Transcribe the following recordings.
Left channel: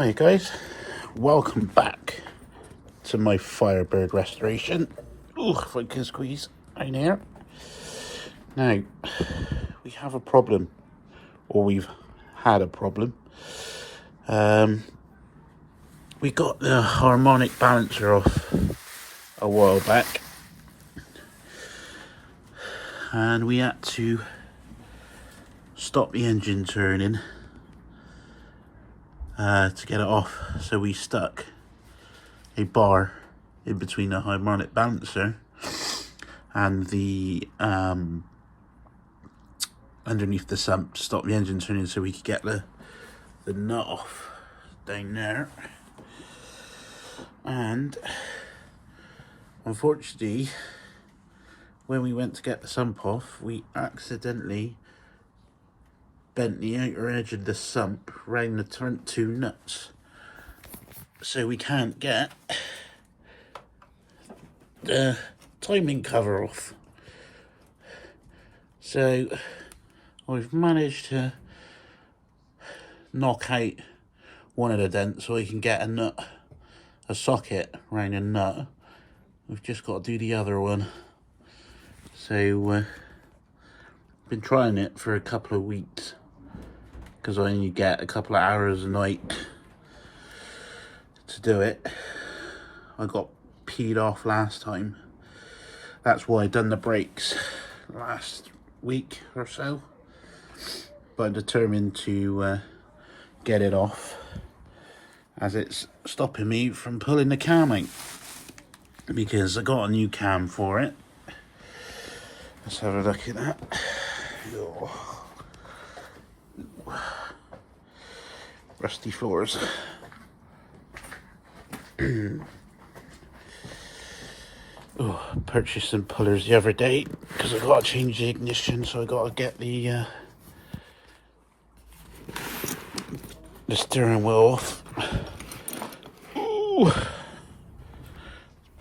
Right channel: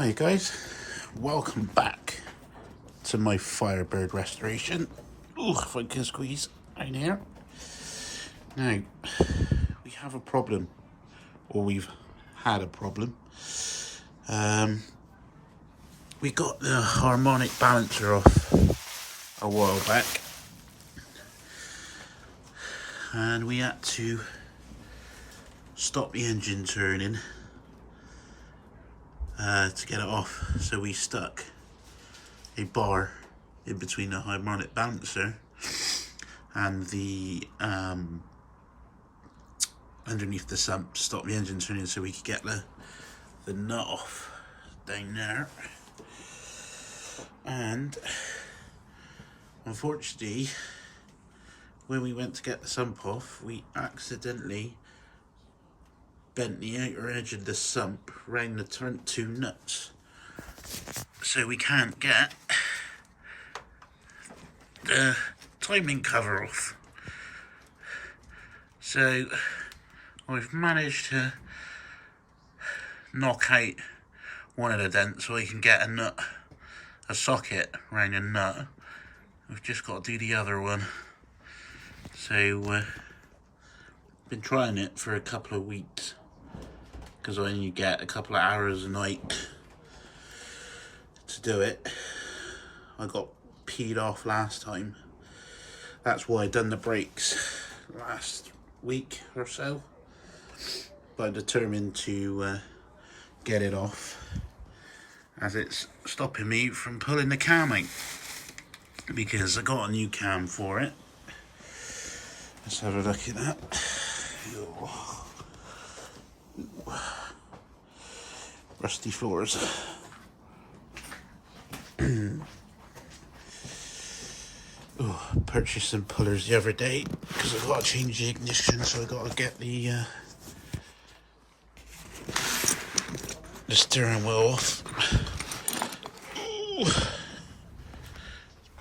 Hi guys, welcome back to my Firebird restoration. Ooh, if I can squeeze in here. Now, we have a problem, or we've had a problem. We got the harmonic balancer off a while back, and we had to stop the engine turning to get it off. So we stuck a bar in between the harmonic balancer and the underneath the sump to stop the engine turning, so we could get the nut off down there. And unfortunately, when we went to get the sump off, we accidentally bent the outer edge of the sump round the front two nuts, so we can't get the timing cover off. So I've managed to knock out one of the dents so I can get a socket around a nut. We've just got to do the other one. So been trying it for a couple of weeks because I only get a couple of hours a night to do it. I got peed off last time. That's why I done the brakes last week or so. But I'm determined to get it off, as it's stopping me from pulling the cam out, because I got a new cam for it. Let's have a look at that. Oh. Rusty floors. Oh, purchased some pullers the other day because I got to change the ignition, so I got to get the steering wheel off. Ooh.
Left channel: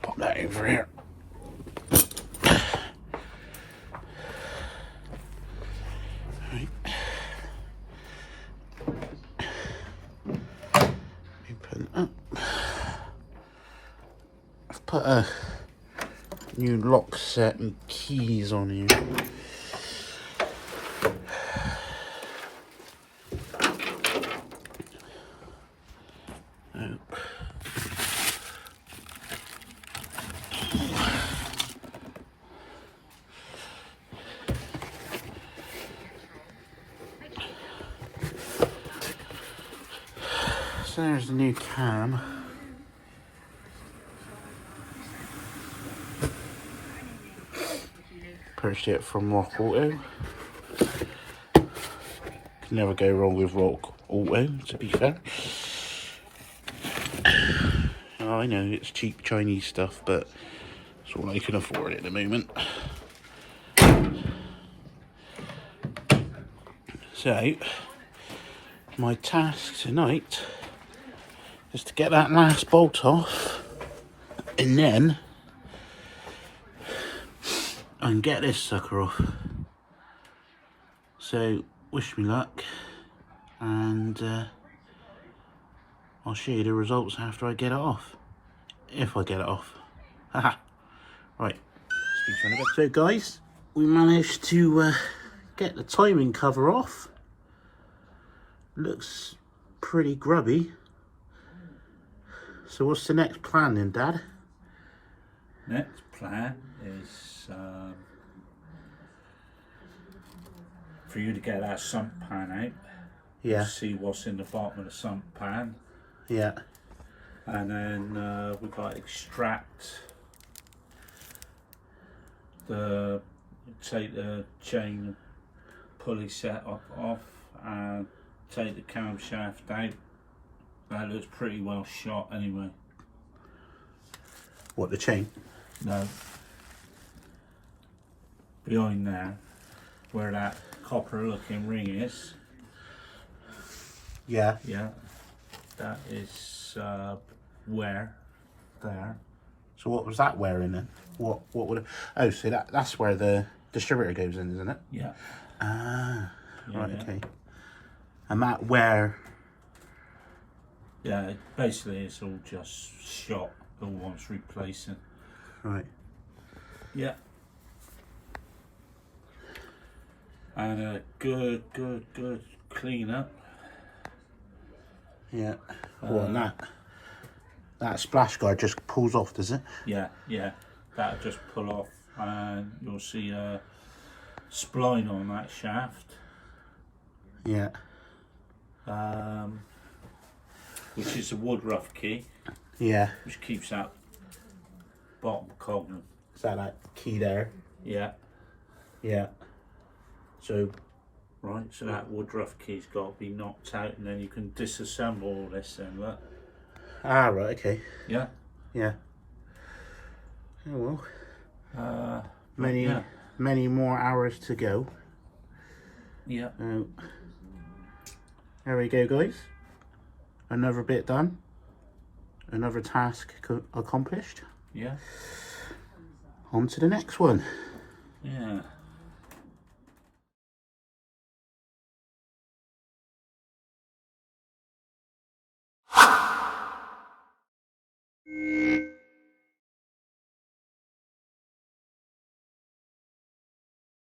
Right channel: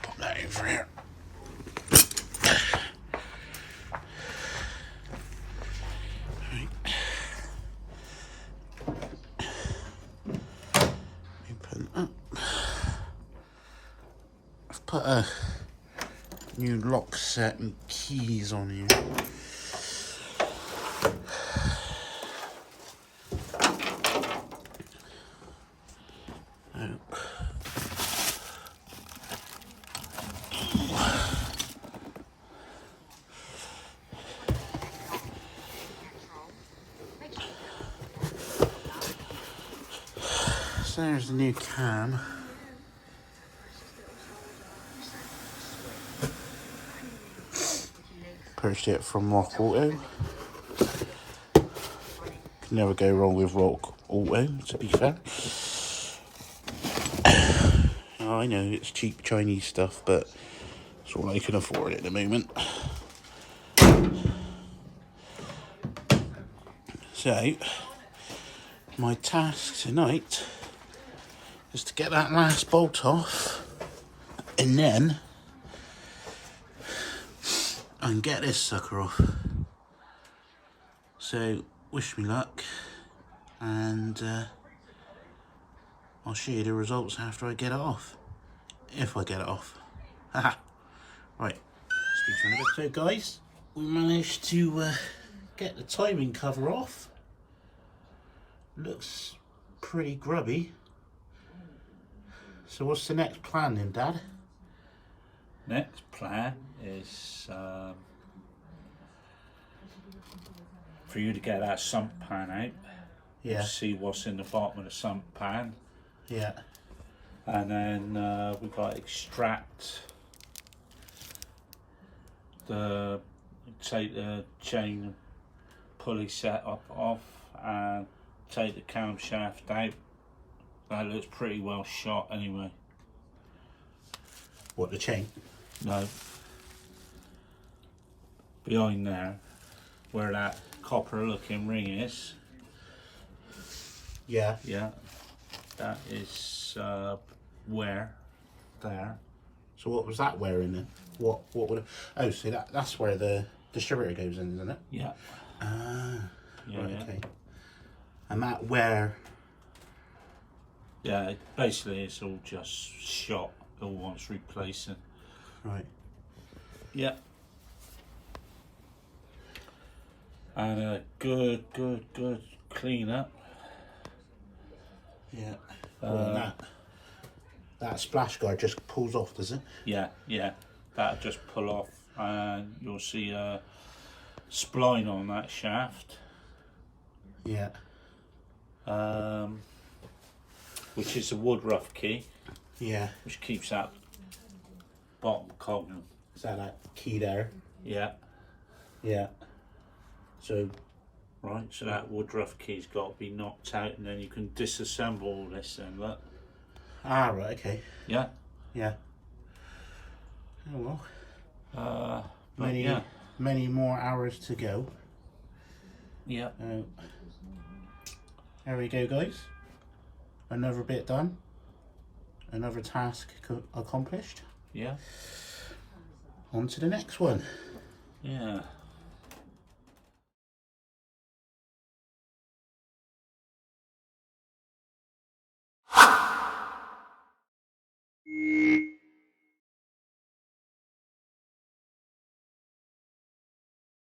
Pop that over here. Right. Open up. I've put a new lock set and keys on here. So there's the new cam. Purchased it from Rock Auto. Can never go wrong with Rock Auto, to be fair. I know it's cheap Chinese stuff, but it's all I can afford at the moment. So, my task tonight is to get that last bolt off, and then I can get this sucker off. So, wish me luck, and I'll show you the results after I get it off. If I get it off. Haha. Right, speak to you in a bit. So guys, we managed to get the timing cover off. Looks pretty grubby. So what's the next plan then, Dad? Next plan is for you to get that sump pan out. Yeah. See what's in the bottom of the sump pan. Yeah. And then we've got to extract take the chain and pulley set off and take the camshaft out. That looks pretty well shot anyway. What, the chain? No. Behind there, where that copper looking ring is. Yeah. Yeah. That is wear there. So what was that wearing then? What would it... Oh, so that's where the distributor goes in, isn't it? Yeah. Ah, Yeah, right, yeah. okay. And that wear Yeah, basically it's all just shot. It all wants replacing. Right. Yeah. And a good clean up. Yeah. Well, that splash guard just pulls off, does it? Yeah, that'll just pull off, and you'll see a spline on that shaft. Yeah. Which is a wood rough key. Yeah. Which keeps that bottom cog. Is that key there? Yeah. Yeah. So. Right, so that wood rough key's got to be knocked out, and then you can disassemble all this then, look. Ah, right, okay. Yeah. Yeah. Oh well. Yeah. Many more hours to go. Yeah. There we go, guys. Another bit done. Another task accomplished. Yeah. On to the next one. Yeah.